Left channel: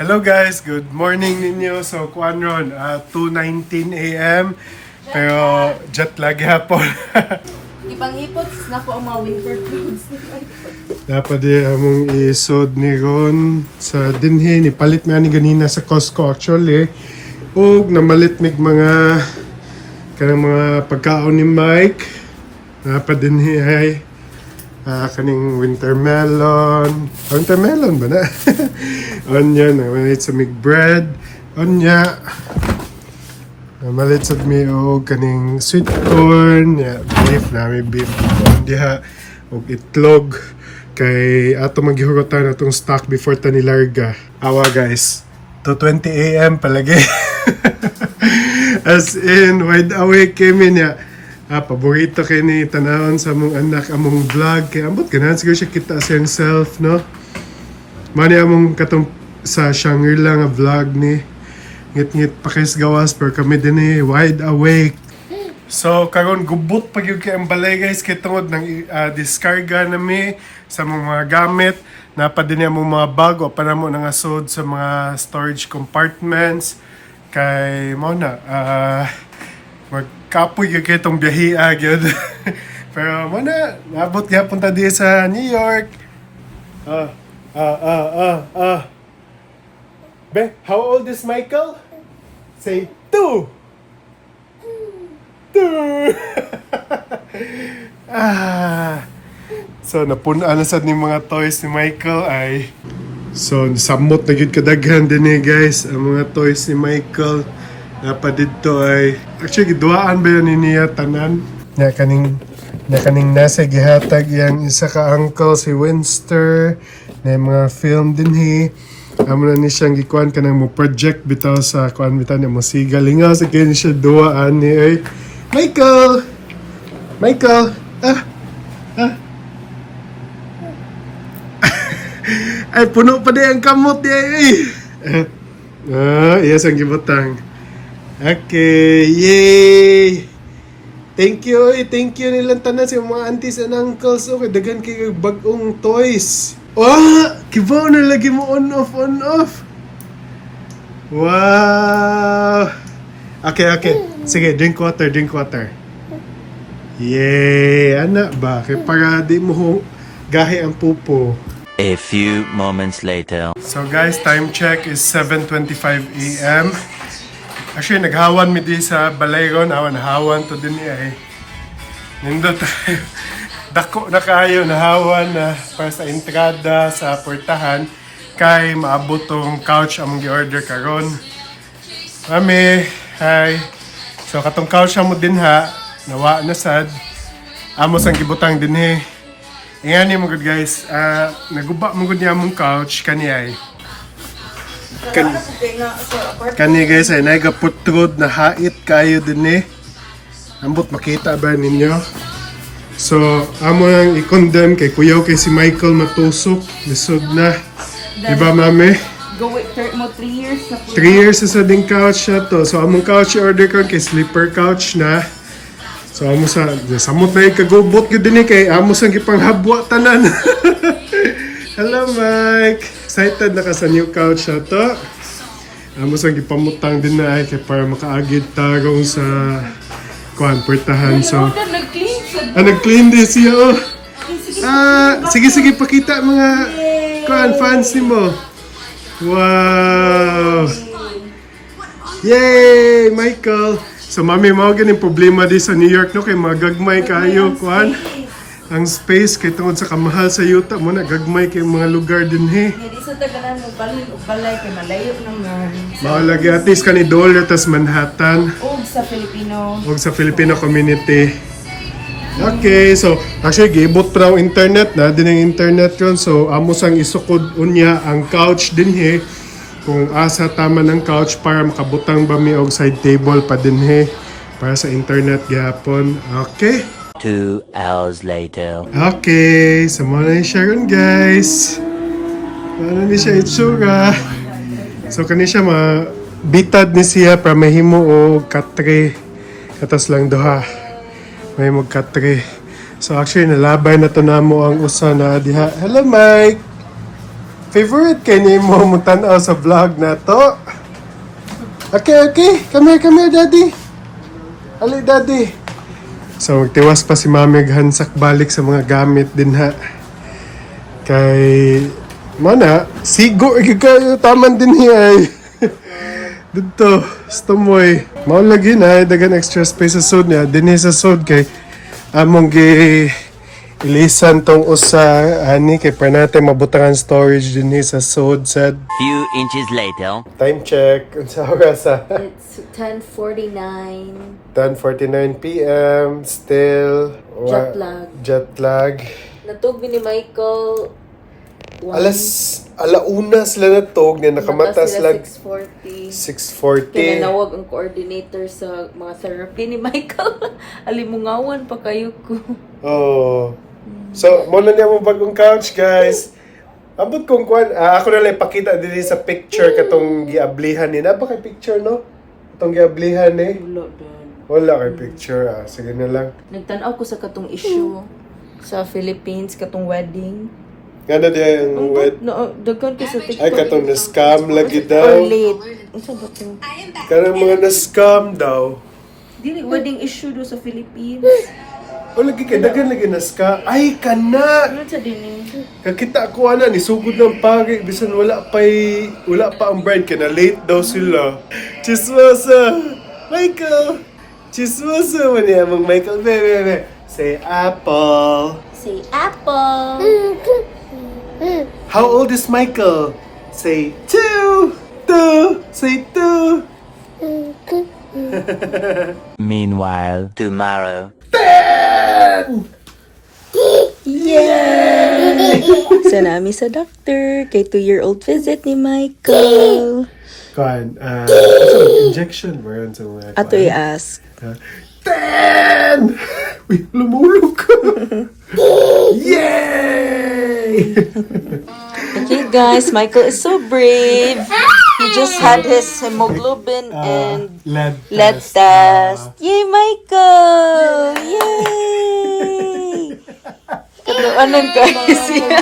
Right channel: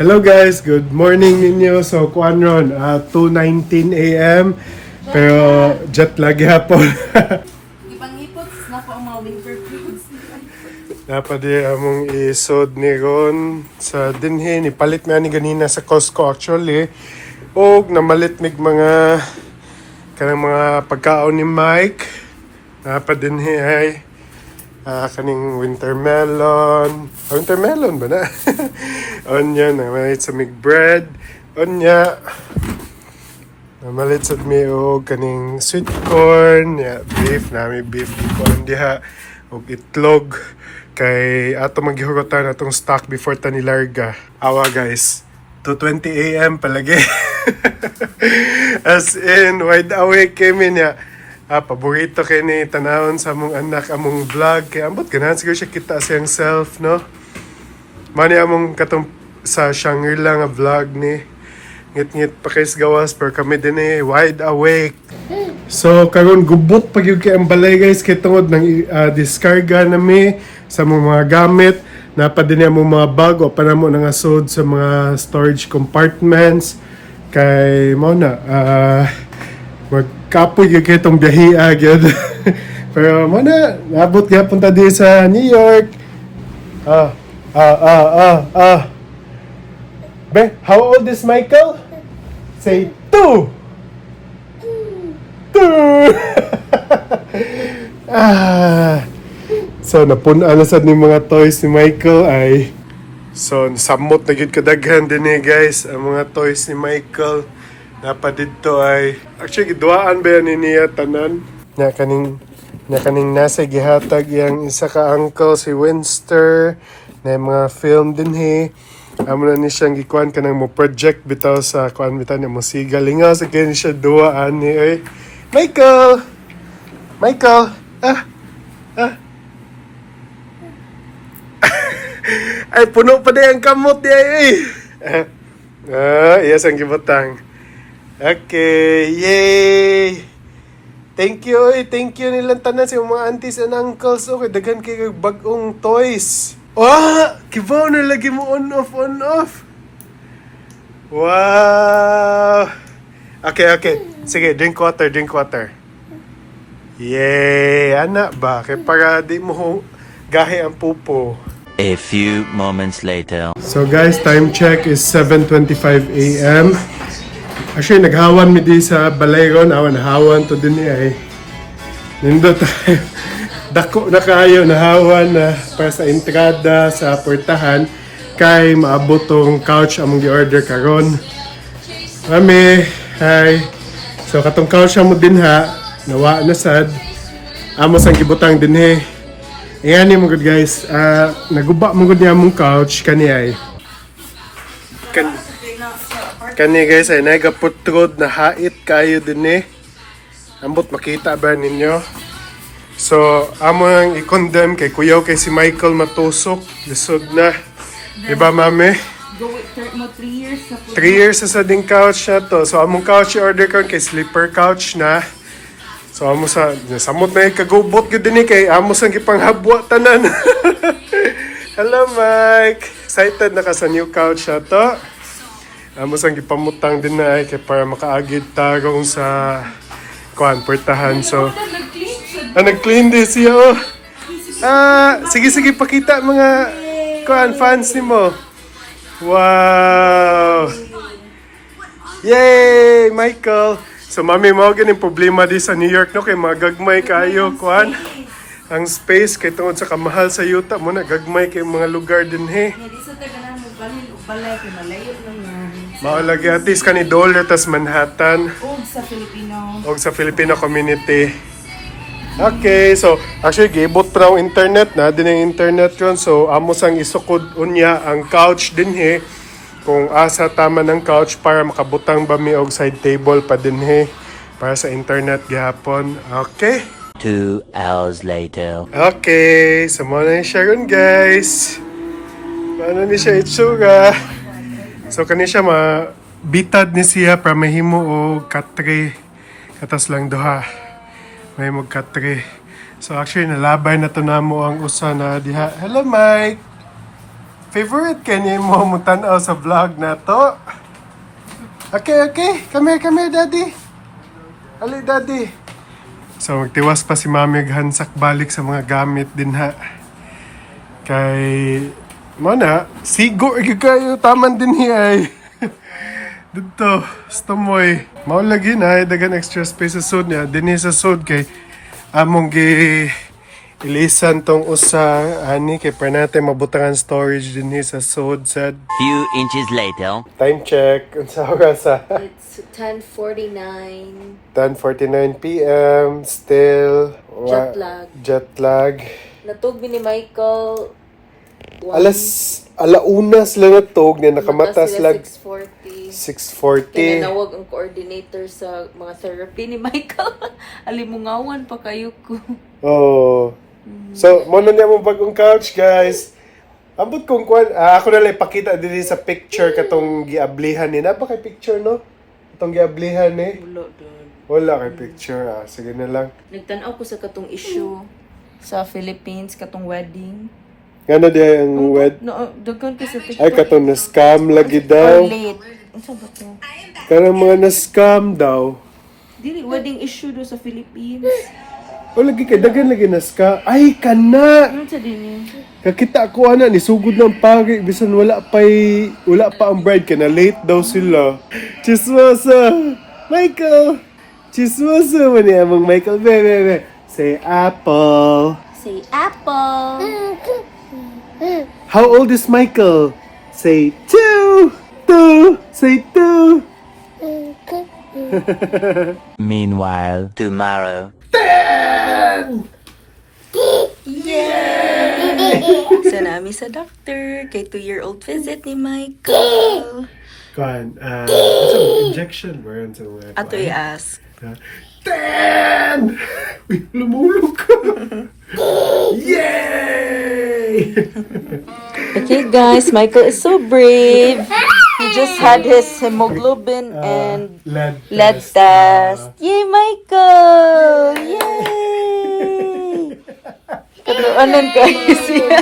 Hello guys, good morning ninyo. So kuan ron, 2:19 AM. Pero jet lag hapon. Ibang hipots na po ang mga winter clothes. Dapat di among isod ni ron sa dinhi ni palit na ni ganina sa Costco actually. Og namalit mig mga kanang mga pagkaon ni Mike. Dapat dinhi ay kaning winter melon. Winter melon ba na? Onya, namalit sa mig bread. Onya. Namalit sa mi og kaning sweet corn. Yeah, beef, nami beef. Diha og itlog. Kay ato maghihugotan atong stock before ta nilarga. Awa guys. 2:20 AM palagi. As in, wide awake kami niya. Paborito kay ni tanawon sa among anak among vlog kay ambot ganahan siguro siya kita siyang self no. Mani among katong sa Shangri-La nga vlog ni ngit-ngit pa kay gawas pero kami din wide awake. So karon gubot pag yung kay ang balay guys kay tungod ng diskarga nami sa mga gamit napa din among mga bag o panamo nang asod sa mga storage compartments kay mo na magkapoy yung kitong biyahia gyud. Pero mo na nabot kaya punta din sa New York. Be, how old is Michael? Say 2. 2. So napunan na sad ni mga toys ni Michael ay so samot na gyud kadaghan din guys ang mga toys ni Michael. Dapat dito ay actually giduaan ba yan niya tanan na kaning nasa gihatag yang isa ka uncle si Winster na mga film dinhi amo na ni siyang gikuan kanang mo project bitaw sa kuan bitaw ni mo sigalingaw sa kini siya duaan ni ay Michael ay puno pa di ang kamot di ay yes ang gibutang. Okay, yay! Thank you nilang tanan sa mga aunties and uncles. Okay, daghan kayo bagong toys. Wow! Kibaw na lagi mo on off. Wow! Okay. Sige, drink water. Yay! Anak ba? Kaya para di mo gahi ang pupo. A few moments later. So guys, time check is 7:25 AM. Actually, naghawan mi di sa balayron. Hawan to din ay. Nindot dako na kayo nahawan na para sa entrada sa portahan kay maabot tong couch among gi-order karon. Mami, hi. So katong couch mo din ha, nawa na sad. Amos ang gibutang dinhi. Ingani mo good guys. Naguba mo gud niya among couch kani ay. Kani guys ay nagaputrod na hait kayo din ambot makita ba ninyo? So amo ang i-condemn kay kuyaw kay si Michael matusok lisod na diba mami? Go with mo 3 years na po. 3 years sa ding couch na to. So among couch i-order karon kay sleeper couch na. So amo sa samot na ikagubot gyud din kay amo sang gipanghabwa tanan. Hello Mike. Excited na ka sa new couch na to. Amo sang gipamutang din na ay kay para makaagid tarong sa kuan portahan. So nag-clean din siya. Sige pakita mga kuan fans nimo. Wow. Yay, Michael. So mami mo ganing problema di sa New York no kay magagmay kayo kuan. Ang space kay tungod sa kamahal sa yuta mo na gagmay kay mga lugar din he. Di sa tagalan mo balin o balay kay malayo nang Maulagi at least kani Dollar tas Manhattan og sa Filipino community. Okay, so actually gibot pa ng internet na din ang internet yun. So amo sang isukod unya ang couch din he. Kung asa tama ng couch para makabutang ba mi og side table pa din he para sa internet gihapon. Okay. 2 hours later. Okay, so muna yung siya ron guys. Ano ni siya itsura. So kani siya bitad ni siya para mahimo o katre. Katas lang duha. May magkatre. So actually nalabay na to namo ang usa na diha. Hello Mike. Favorite kay ni mo mutanaw sa vlog na to. Okay. Come here, daddy. Ali, daddy. So, magtiwas pa si Mami hansak balik sa mga gamit din ha. Kay... Mana, sigo, kayo taman din ay. Dito, stumoy. Maulagi na, dagan extra space sa sud niya. Dinhi sa sud kay among ilisan tong usa ani kay para natin mabutangan storage dinhi sa sud sad. Few inches later. Time check. Unsa oras sa It's 10:49. 10:49 PM. Still Jet lag. Natog ni Michael. Alauna sila natog na nakamatas sila lang 6:40. 6:40. Kinanawag ang coordinator sa mga therapy ni Michael. Alimungawan pa kayo ko. Oh. So, muna niya mo bagong couch, guys. Ambot kong kwan, ako na lang ipakita din sa picture katong giablihan ni. Naba kay picture, no? Katong giablihan ni. Wala kay picture, Sige na lang. Nagtanaw ko sa katong issue sa Philippines, katong wedding. Ano diya yung Daghan ko sa TikTok. Ay, katong na-scam lagi Or daw. late. Ano ba to? Karang mga na-scam daw. Dili, wedding issue do sa Philippines. O lagi kay dagan lagi na-scam. Ay, kana! Ano sa din eh? Kakita ko ni sugod ng pagi. Bisan wala pa ang bride. Kaya na late daw sila. Chismosa! Michael! Chismosa mo niya mong Michael. Bebe. Say apple. Say apple. How old is Michael? Say 2. Say 2. Meanwhile, tomorrow. Sa Nami sa doctor. Kay 2-year-old visit ni Michael. Kuan, injection mo yan sa mga Ato i-ask. 10! Uy, lumulog ka! Yay! Okay guys, Michael is so brave. He just had his hemoglobin and lead test. Yay, Michael! Yay! Katluanan ka siya.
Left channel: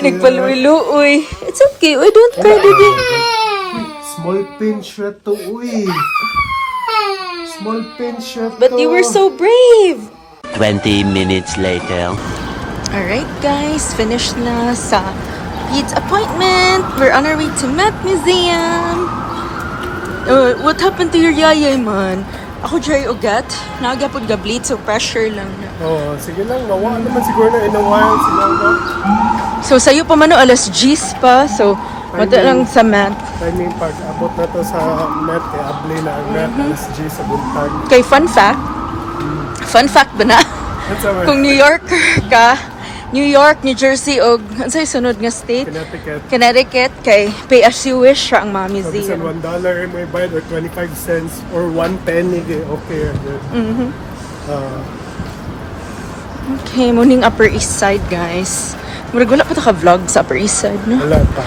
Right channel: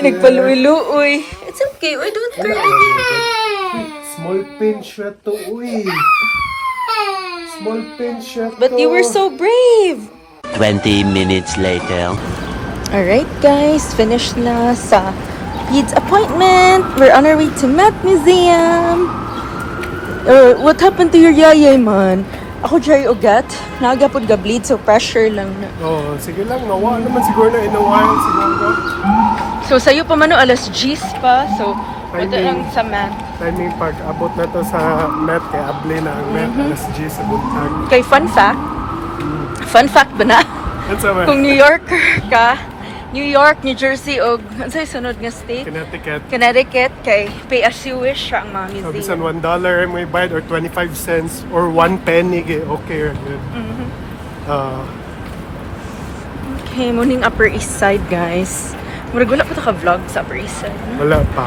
Nagpaluwi-luoy. It's okay. Uy, don't cry, baby. Small pinch na to, uy. Small pinch na to. But you were so brave. 20 minutes later. Alright guys, finished na sa Pete's appointment. We're on our way to Met Museum. What happened to your yayay, man? Ako dry ugat. Nagapod ga bleed, so pressure lang na. Oh, sige lang. Nawa naman siguro na in a while. Siguro. So sa'yo pa man o, alas 10 pa. So, mata lang sa Met. Timing pag abot na to sa Met, kay abli na ang Met. Alas G sa buntag. Kay fun fact ba na? Yan sa Kung New Yorker ka, New York, New Jersey, o ano sa'yo sunod nga state? Connecticut, kay pay as you wish siya ang mga So, bisan museum. $1 may bayad or 25 cents or 1 penny, okay. Okay, muning Upper East Side, guys. Murag wala pa ta ka-vlog sa Upper East Side, no? Wala pa.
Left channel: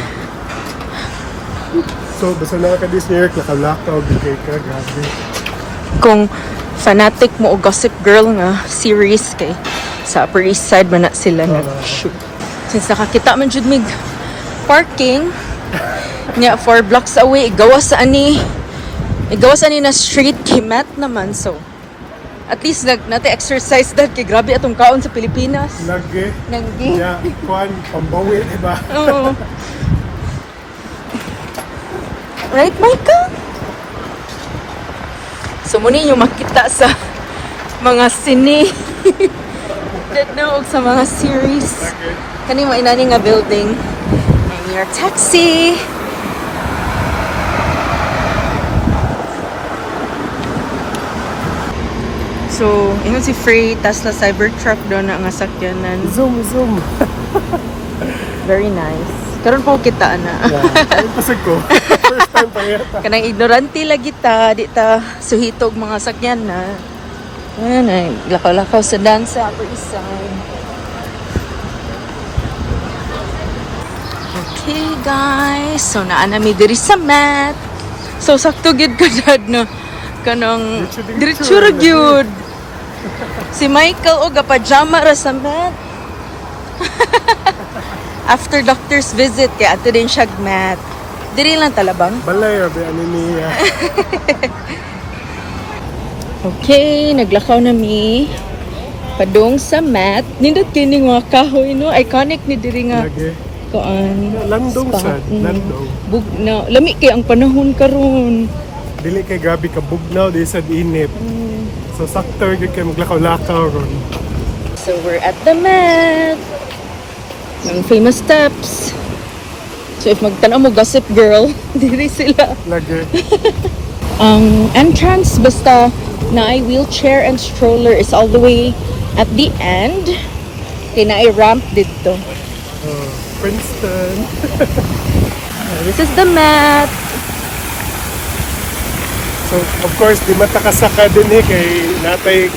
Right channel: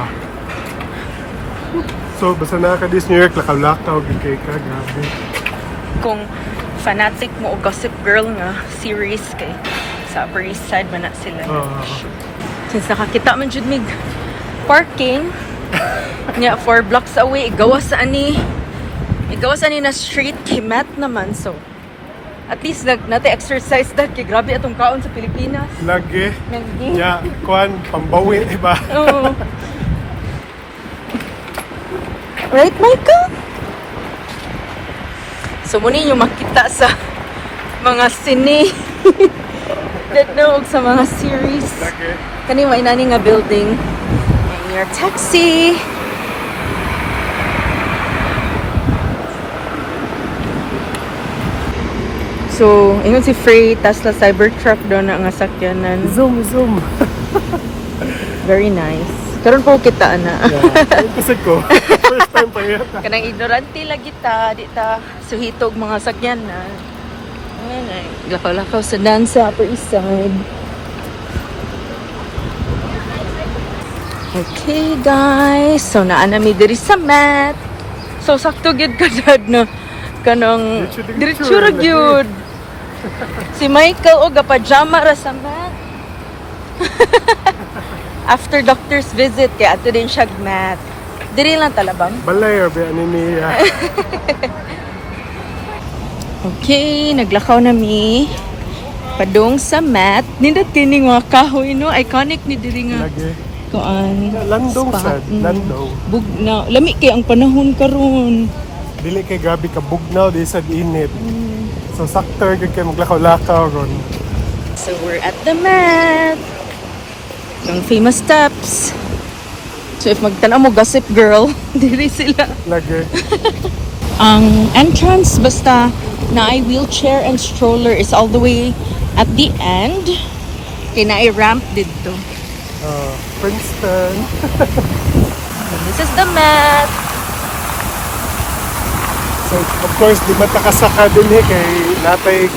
So, basta nakakadis New York, lakaw-lakaw, gigay ka, gabi. Kung fanatic mo o Gossip Girl nga series kay sa Upper East Side man na sila na shoot. Since nakakita man jud mig parking nya 4 blocks away, igawas ani na street kay Met naman, so at least nate exercise that kay grabe atong kaon sa Pilipinas. Lagi. Nanggi. Ya, kwan, pambawi, diba? Oo. Right, Michael? So, muna yung makita sa mga sine. Dadnoog sa mga series. Kani mo inani nga building. And your taxi. So, ingon si Frey, Tesla Cybertruck doon na nga sakyanan. Zoom. Very nice. Karon po kita na. Yeah, pasag ko. First time pa yata. Kanang ignorante lagi ta, di ta suhitog mga sakyan na. Ayan ay, lakaw-lakaw sa dansa ato isad. Okay guys, so naanami diri sa Met. So sakto gid ka dad na kanang diretso ra gyud. Si Michael og pajama ra sa Met. after doctor's visit, kaya ato din siya mat. Diri lang talabang. Balay, be, ano niya. Okay, naglakaw na mi. Padung sa mat. Nindot kining mga kahoy, no? Iconic ni diri nga. Lagi. Kuan. Landong spa. sad, landong. Bugnaw. Lami kay ang panahon karon. Dili kay gabi ka bugnaw, di sad init. So sakto gyud kay maglakaw-lakaw ron. So we're at the mat. Ang famous steps. So if magtanaw mo Gossip Girl, diri sila. Lagi. Ang entrance basta na ay wheelchair and stroller is all the way at the end. Kaya na ay ramp dito. Princeton. This is the mat. So of course di matakasaka din kay natay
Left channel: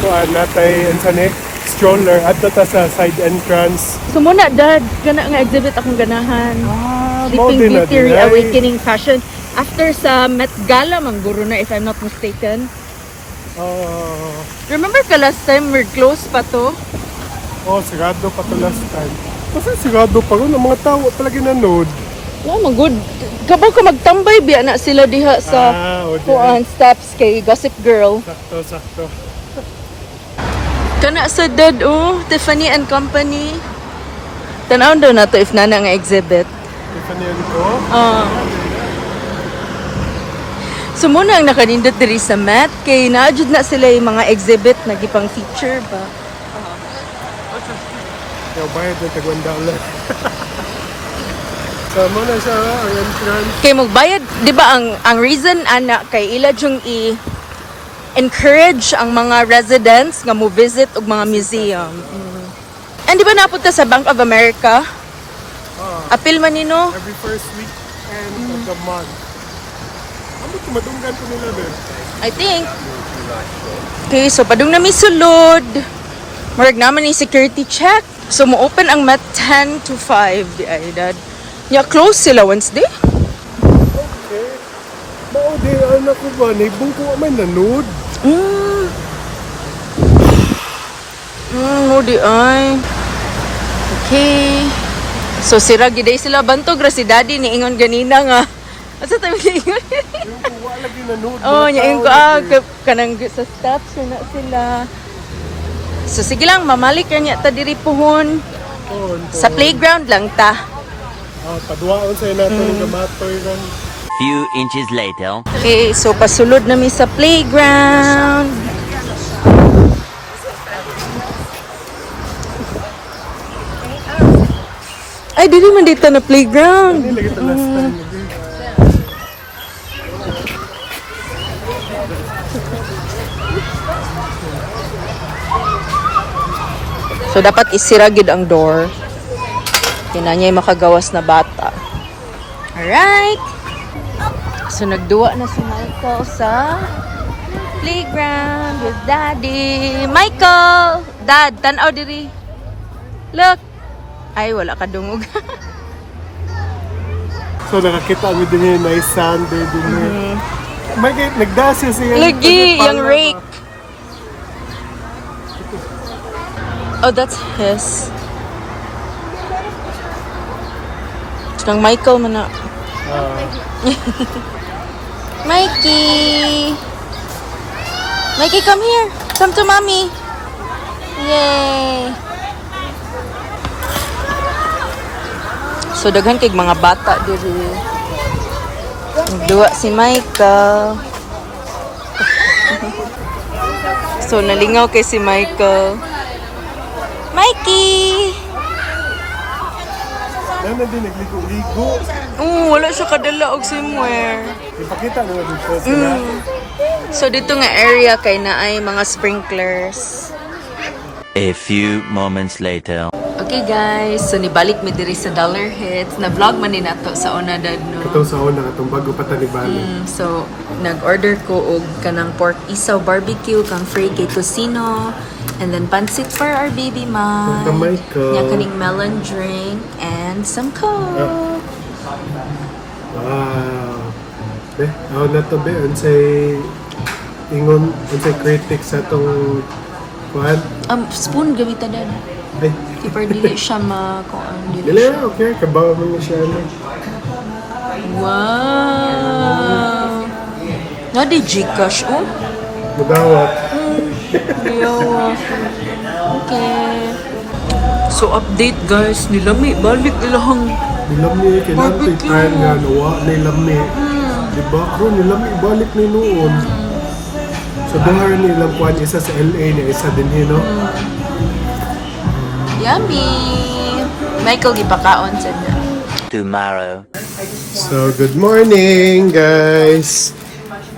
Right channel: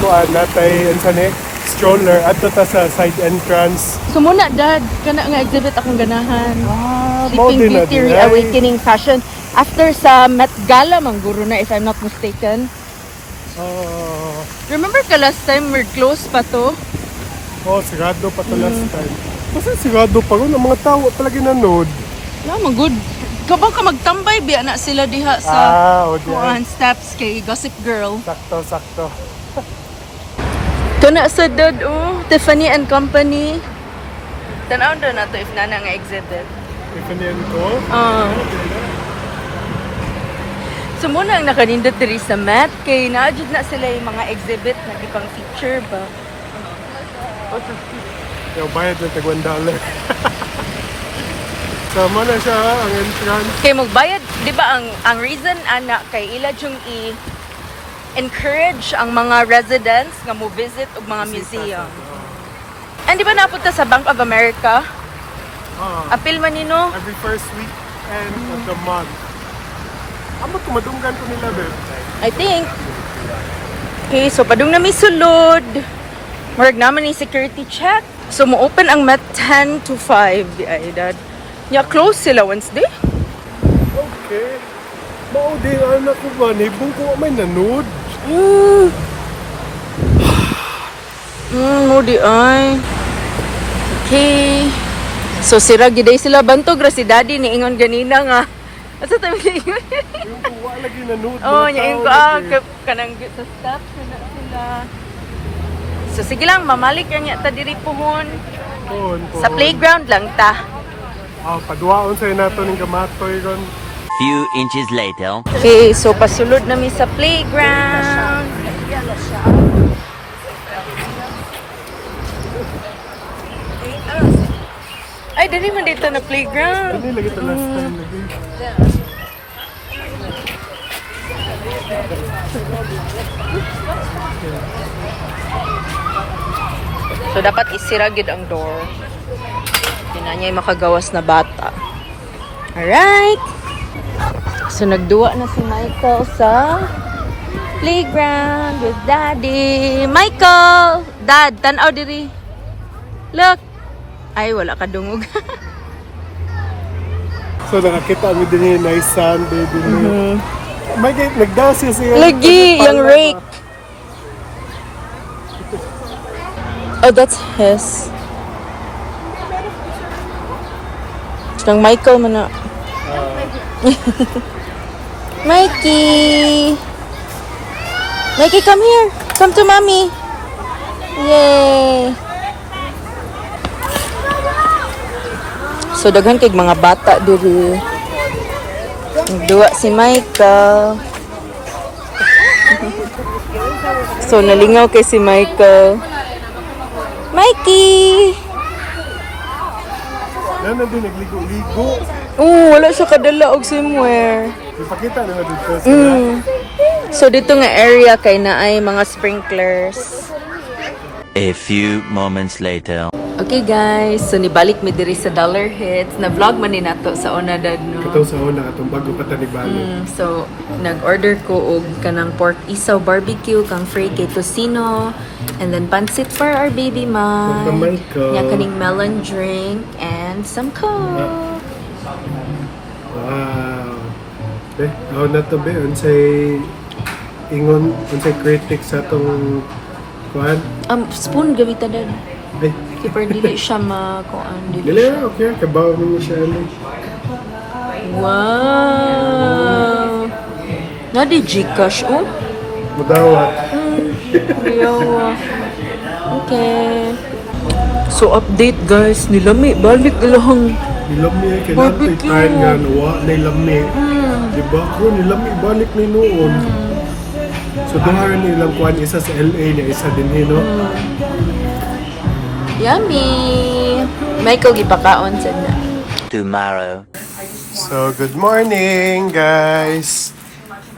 stroller adto ta sa side entrance. So muna dad, gana nga exhibit akong ganahan. Mao Sleeping din na Beauty din, ay. Reawakening Fashion. After sa Met Gala mangguro na if I'm not mistaken. Remember ka last time we're close pa to? Sigado pa to last time. Kasi sigado pa ron ang mga tao palagi nanood. Yeah, good. Kapag ka magtambay biya na sila diha sa kuan steps kay Gossip Girl. Sakto. Kana sa dad Tiffany and Company. Tanaw daw na to if nana nga exhibit. Tiffany and Co. So muna ang nakanindot diri sa mat kay naadjud na sila yung mga exhibit na gipang feature ba. Yung bayad ng tag $1. So muna siya ang entrance. Kay magbayad, di ba ang reason ana kay ila yung encourage ang mga residents nga mo visit og mga museum. And di ba napunta sa Bank of America? Apil man nino? Every first weekend of the month. Amo tumadunggan ko nila ba? I think. Okay, so padung na may sulod. Murag naman yung security check. So mo open ang mat 10 to 5 di ay dad. Yeah, close sila Wednesday. Okay. Mao di anak ko ba ni bungko may nanood. Mo di ay. Okay. So sira giday sila bantog ra si daddy ni ingon ganina nga. Asa tayo ingon? Yung kuwa lagi nanood. Nya ingon ko kanang sa steps na sila. So sige lang mamalik niya ta diri puhon. Sa playground lang ta. Paduaon sa nato ning gamatoy ron. Few inches later. Okay, so pasulod na mi sa playground. Ay, dili man dito na playground. Lagi ta last time lagi. So dapat isira gid ang door. Kaya niya makagawas na bata. Alright. So nagduwa na si Michael sa playground with daddy. Michael! Dad, tanaw diri. Look. Ay, wala ka dungog. So nakakita mo din yung nice sound din. May nagdasya siya. Lagi, yung rake. Oh, that's his. Nang Michael man na. Mikey! Mikey, come here. Come to mommy. Yay! So, daghan kay mga bata diri. Nagduwa si Michael. So, nalingaw kay si Michael. Mikey! Nana din nagligo-ligo. Wala siya kadala og swimwear. Ipakita naman dito sila. So dito nga area kay naay mga sprinklers. A few moments later. Okay guys, so nibalik mi diri sa Dollar Hits. Na vlog man ni nato sa una dad no. Ito sa una katong bago pa tanibalo. So nag-order ko og kanang pork isaw barbecue kang fry kay tocino and then pancit for our baby man. Nya kaning melon drink and some coke. Wow. Ako na to be unsay ingon unsay critics sa tong kuan. Spoon gamita dad. Ay, Super dili siya kuan dili. Dili, okay. Kabaw mo niya siya, ano. Wow. Na di Gcash oh. Mudawat. Yawa. Okay. So update guys, nilami balik ilahang Nilami, kailangan tayo barbecue. try nga, nawa, nilami. Diba? Bro, nilami, balik na noon. So, doon nilang kuhan, isa sa LA na isa din, no? Yummy. Michael gipakaon sad na. Tomorrow. So, good morning, guys.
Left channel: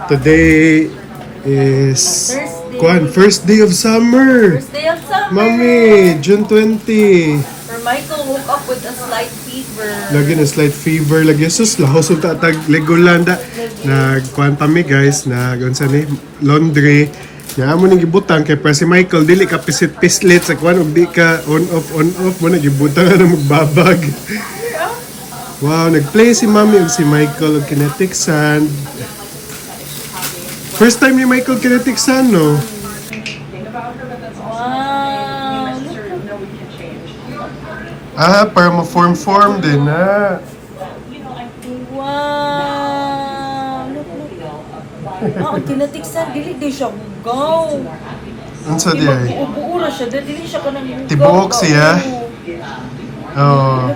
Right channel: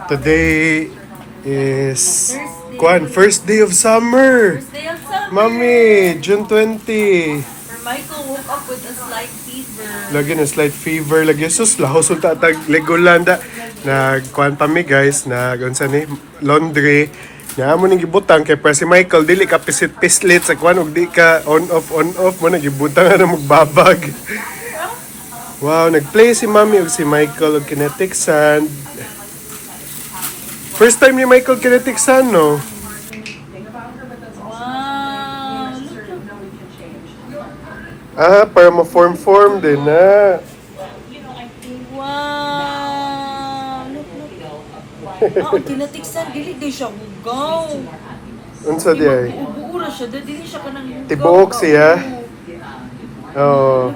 Today is kuhan, first day of summer. Day of summer. Mami, June 20. For Michael woke up with a slight fever. Lagi na slight fever, lagi sus, lahos yung tatag Legolanda. Nagkuhan pa mi guys, unsa ni laundry. Nga mo nang gibutang kay pa si Michael, dili ka pisit-pislit sa kuhan, ug di ka on off mo na gibutang na magbabag. Wow, nagplay si Mami ug si Michael og kinetic sand. First time ni Michael kinetic sand, no? Wow. Para ma-form din na. Wow. Look. Kinatiksan dili di siya bugaw. Unsa di ay? Buo ra siya, dili siya kanang bugaw. Tibuok siya. Oh.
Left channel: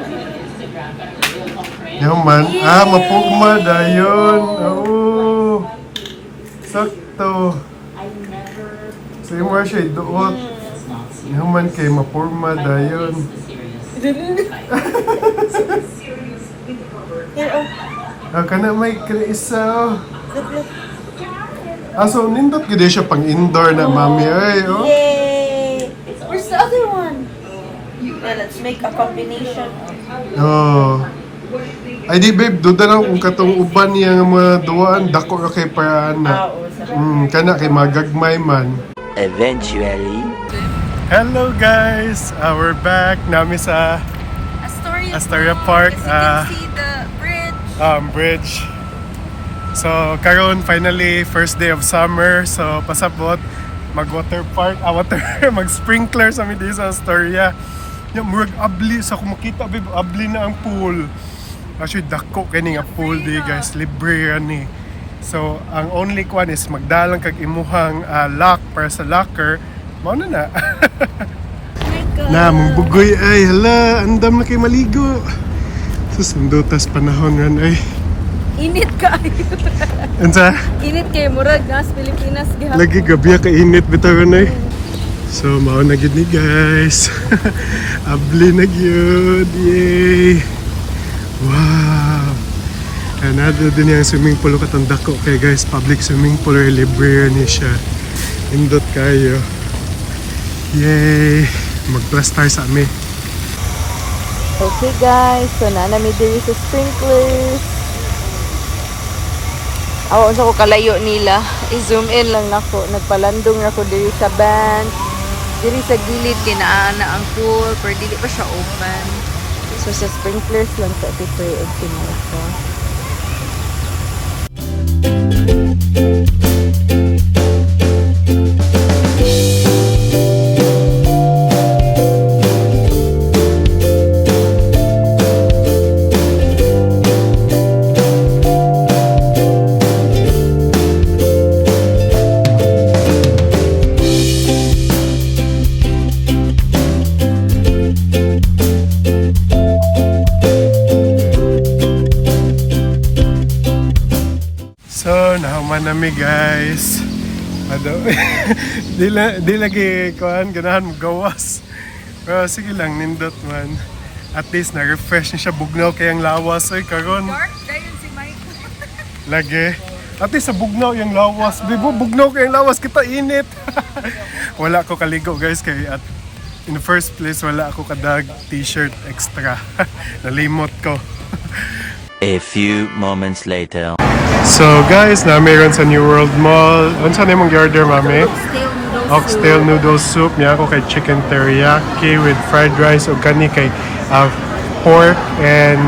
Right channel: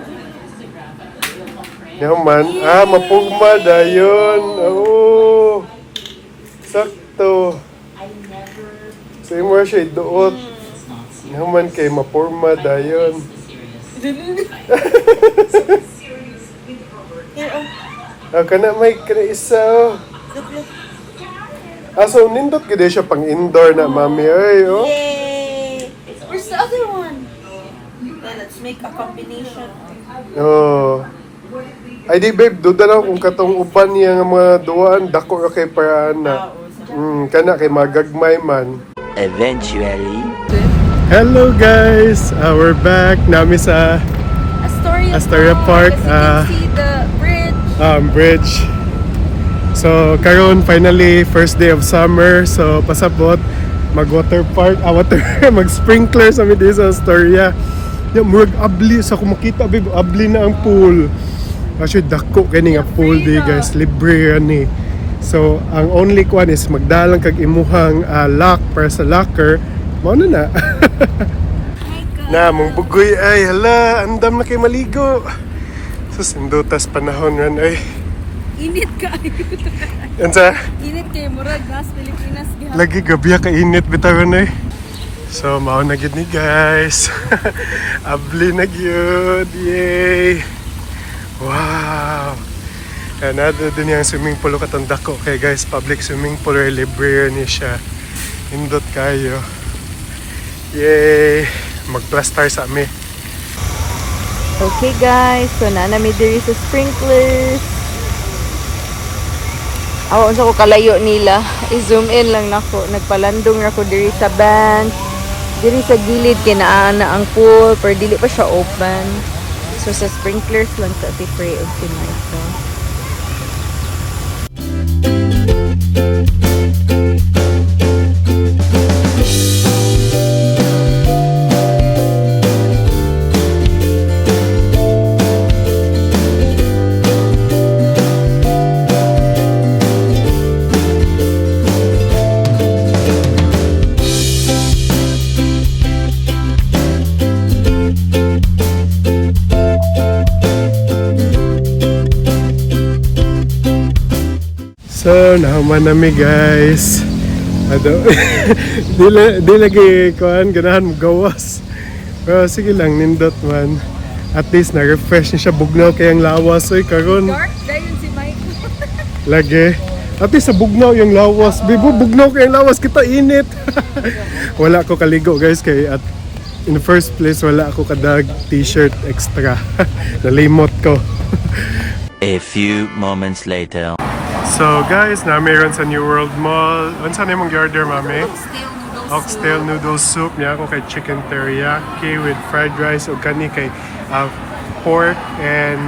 Yung man. Mapugma dayon. Oh. Sakto. So yung mga siya iduot. Yung man kay mapurma dayon. Kana may kana isa. So nindot gid siya pang indoor na mami. Ay, oh. Yay! Where's the other one? Yeah, let's make a combination. Oh. Ay di babe, duda lang kung katong uban niya nga mga duwaan, dako ra kay paraan na. Kana kay magagmay man. Eventually. Hello guys! We're back. Nami sa Astoria Park. See the bridge. Bridge. So, karon finally, first day of summer. So, pasabot, mag-water park, mag-sprinkler sa midi sa Astoria. Yung murag abli, sa kumakita, babe, abli na ang pool. Actually, dako kani nga pool di guys, libre yan eh. So, ang only one is magdalang kag imuhang lock para sa locker. Mao na. Na, mong bugoy ay, hala, andam na kay maligo. Susindutas panahon ran ay. Init ka. Ansa? Init kay murag nas Pilipinas gihapon. Lagi gabi ka init bitawan ay. So, mao na gid ni guys. Abli na gyud. Yay! Wow! Another din yung swimming pool katong dako kay guys, public swimming pool or libre ni siya. Indot kayo. Yay! Mag-plaster sa amin. Okay guys, so nami diri sa sprinklers. Awa unsa ko kalayo nila. I-zoom in lang nako. Nagpalandong na ko diri sa bench. Diri sa gilid kinaana ang pool, pero dili pa sa open. So sa sprinklers lang sa spray og tinayko. So, nahuman nami guys. Di lagi kuhan, ganahan mo gawas. Pero sige lang, nindot man. At least na-refresh niya siya, bugnaw kayang lawas. Oy, karon. Dark dayon si Michael. Lagi. At least sa bugnaw yung lawas. Bibo, bugnaw kayang lawas, kita init. Wala ko kaligo guys, kay at in the first place, wala ako kadag t-shirt extra. Nalimot ko. A few moments later. So guys, na mayroon sa New World Mall. Ano saan yung order, mami? Oxtail noodle soup. Niya ako kay chicken teriyaki with fried rice o kani kay pork and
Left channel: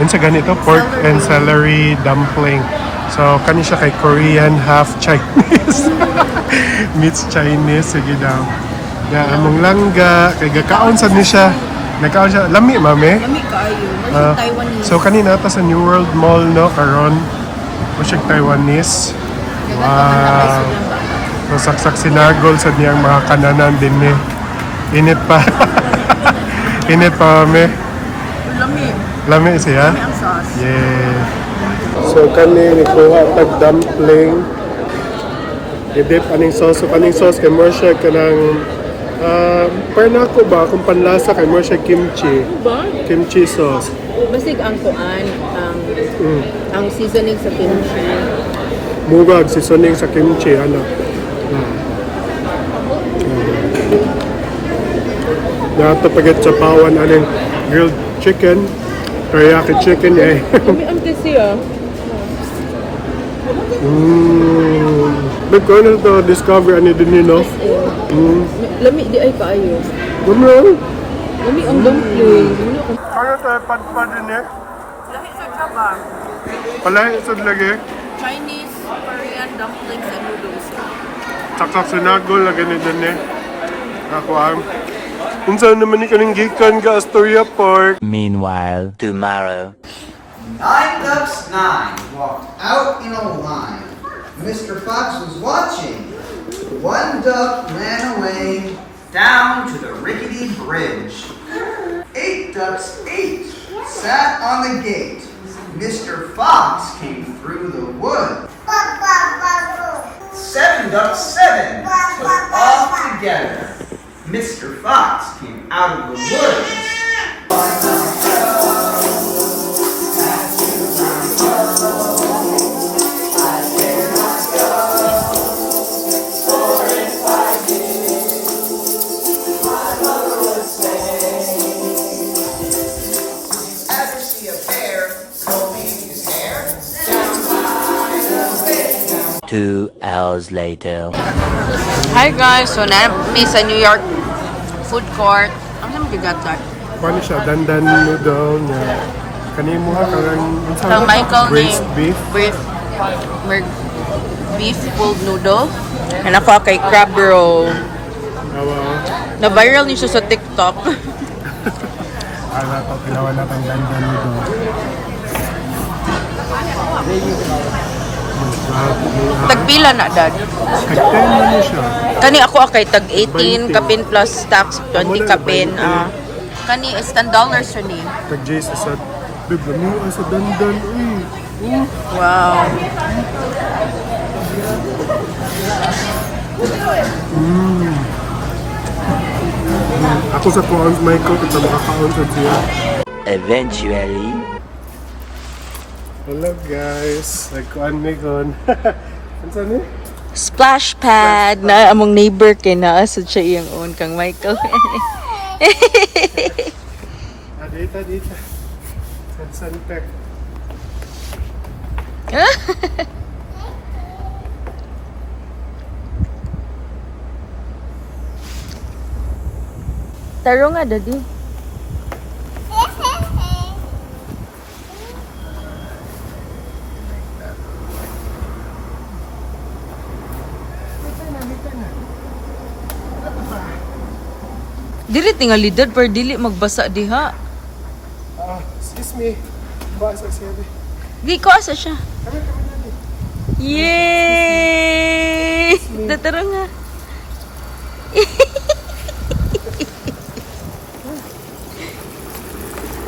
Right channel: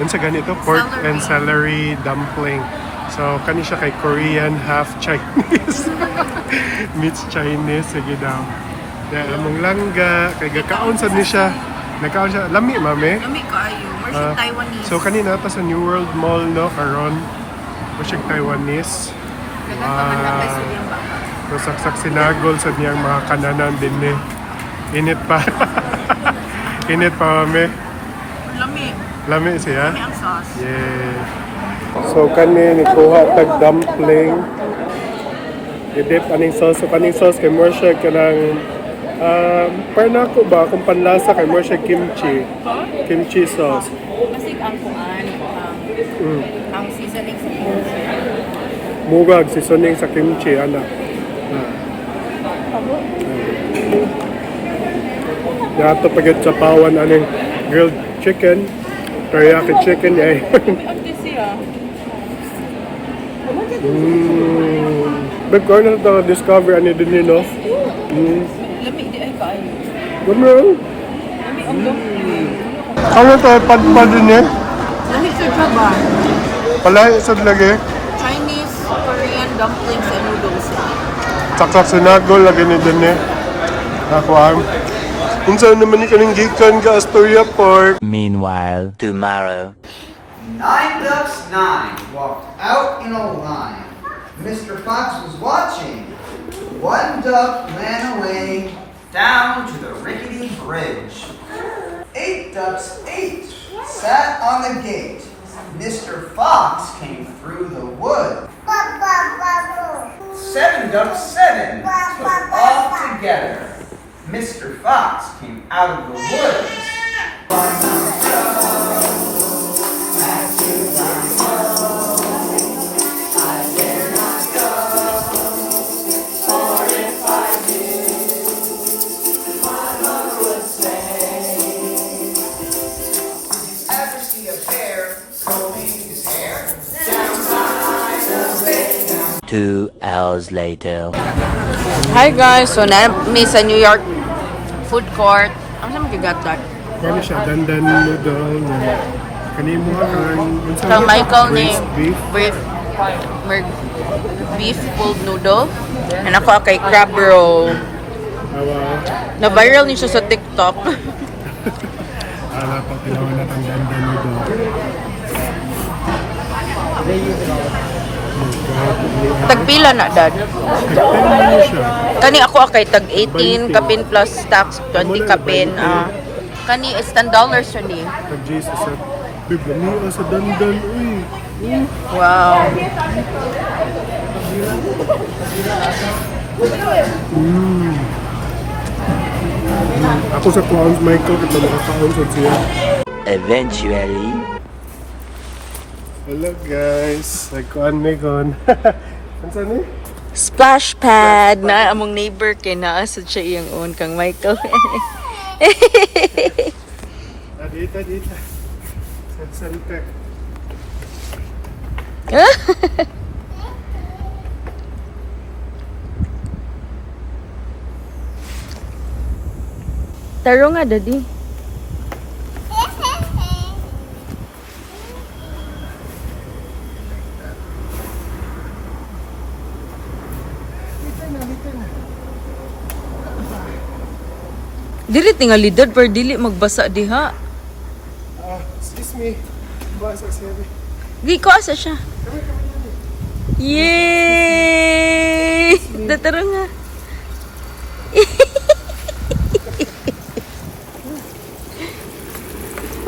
ano sa ganito? Pork and celery dumpling. So kani siya kay Korean, half Chinese. Meets Chinese. Sige daw. Ya, among langga. Kay gakaon sa ni siya. Nagkaon siya. Lami, mami. Lami kaayo. Ah, Taiwanese. so kanina ta sa New World Mall no karon Musyag Taiwanese. Wow. Masaksak sinagol sa niyang mga kananan din eh. Init pa. Init pa mami. Lami. Lami siya. Lami ang sauce. Yeah. So kani ni kuha tag dumpling. I-dip aning sauce. So kaning sauce kay more siya kanang para na ako ba kung panlasa kay more siya kimchi. Kimchi sauce. Basig ang kuan, ang seasoning sa kimchi. Mugag seasoning sa kimchi ana. Dato pagit sa pawan aning grilled chicken, teriyaki chicken ay. Lami ang kasi But ko na to discover ani din no. Lami di ay kaayo. Gumron. Lami ang dumpling. Ano tayo padpad din eh? Lami sa ba? Palay sa lagi. Chinese, Korean dumplings and noodles. Saksak sinagol lagi ni din eh. Ako ang unsa naman ni kaning gikan ga Astoria Park. Meanwhile, tomorrow. 9 ducks, 9 walked out in a line. Mr. Fox was watching. 1 duck ran away down to the rickety bridge. 8 ducks, 8 sat on the gate. Mr. Fox came through the wood. 7 ducks, 7 took off together. Mr. Fox came out of the woods. Ever see a bear combing his hair? 2 hours later. Hi guys, so nami sa New York food court. Ang naman gigatag. Kuan siya dandan noodle niya. Kani mo ha kang unsa Kang Michael ni braised beef. beef pulled noodle. And ako kay crab roll. Wow. Na-viral niyo siya sa TikTok. Ala pa tilawan natang dandan noodle. Tagpila na dad. Kagtan mo niya siya. Kani ako kay tag 18 kapin plus tax 20 kapin. Kani is $10 siya ni. Tag Jesus sa big lami sa dandan uy. Wow. Ako sa kuan Michael kita makakaon sa siya. Eventually. Hello guys, nagkuan mi kon. Unsa ni? Splash pad na among neighbor kay naa sa siya iyang own kang Michael. Dita. Suntek. Taro nga daddy. Dili tingali dad pero dili magbasa diha. Excuse me. Basa sini. Di ko asa siya. Yay! Dataro nga.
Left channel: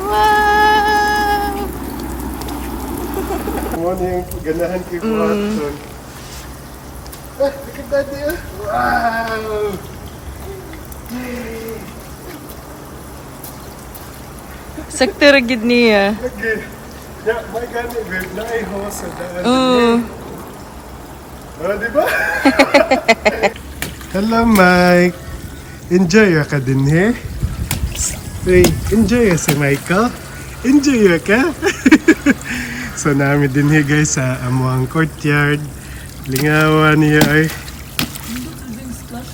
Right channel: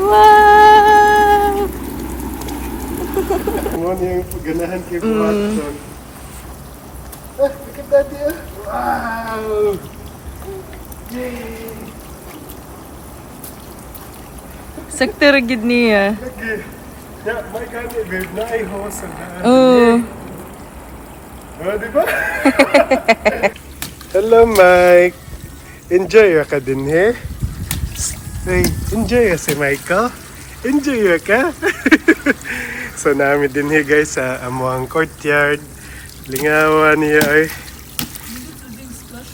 Wow! Mo yung ganahan kay Watson. Look at daddy. Wow! Sakto ra gid niya. Okay. Ya, may gani babe na ay ho sa daan. Oh. Oh, di ba? Hello, Mike. Enjoy ka din he? Hey, enjoy si Michael. Enjoy ka? So namin din he guys sa amuang courtyard. Lingawan niya ay.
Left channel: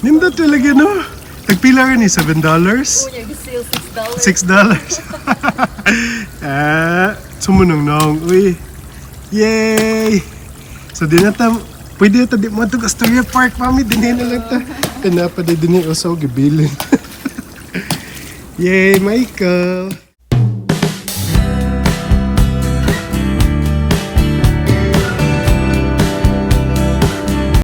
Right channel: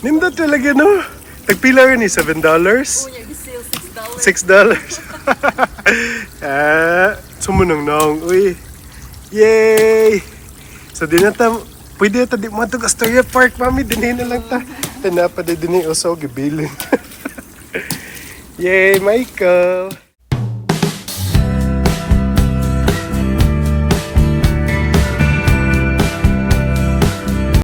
Nimda talaga no? Tagpila rin ni $7? $6. Sumunong nong. Uy. Yay! So di na Pwede ito di mo ito Astoria Park, mami. Dinhi na lang ta. Tinapa din dinhi uso, gibilin. Yay, Michael!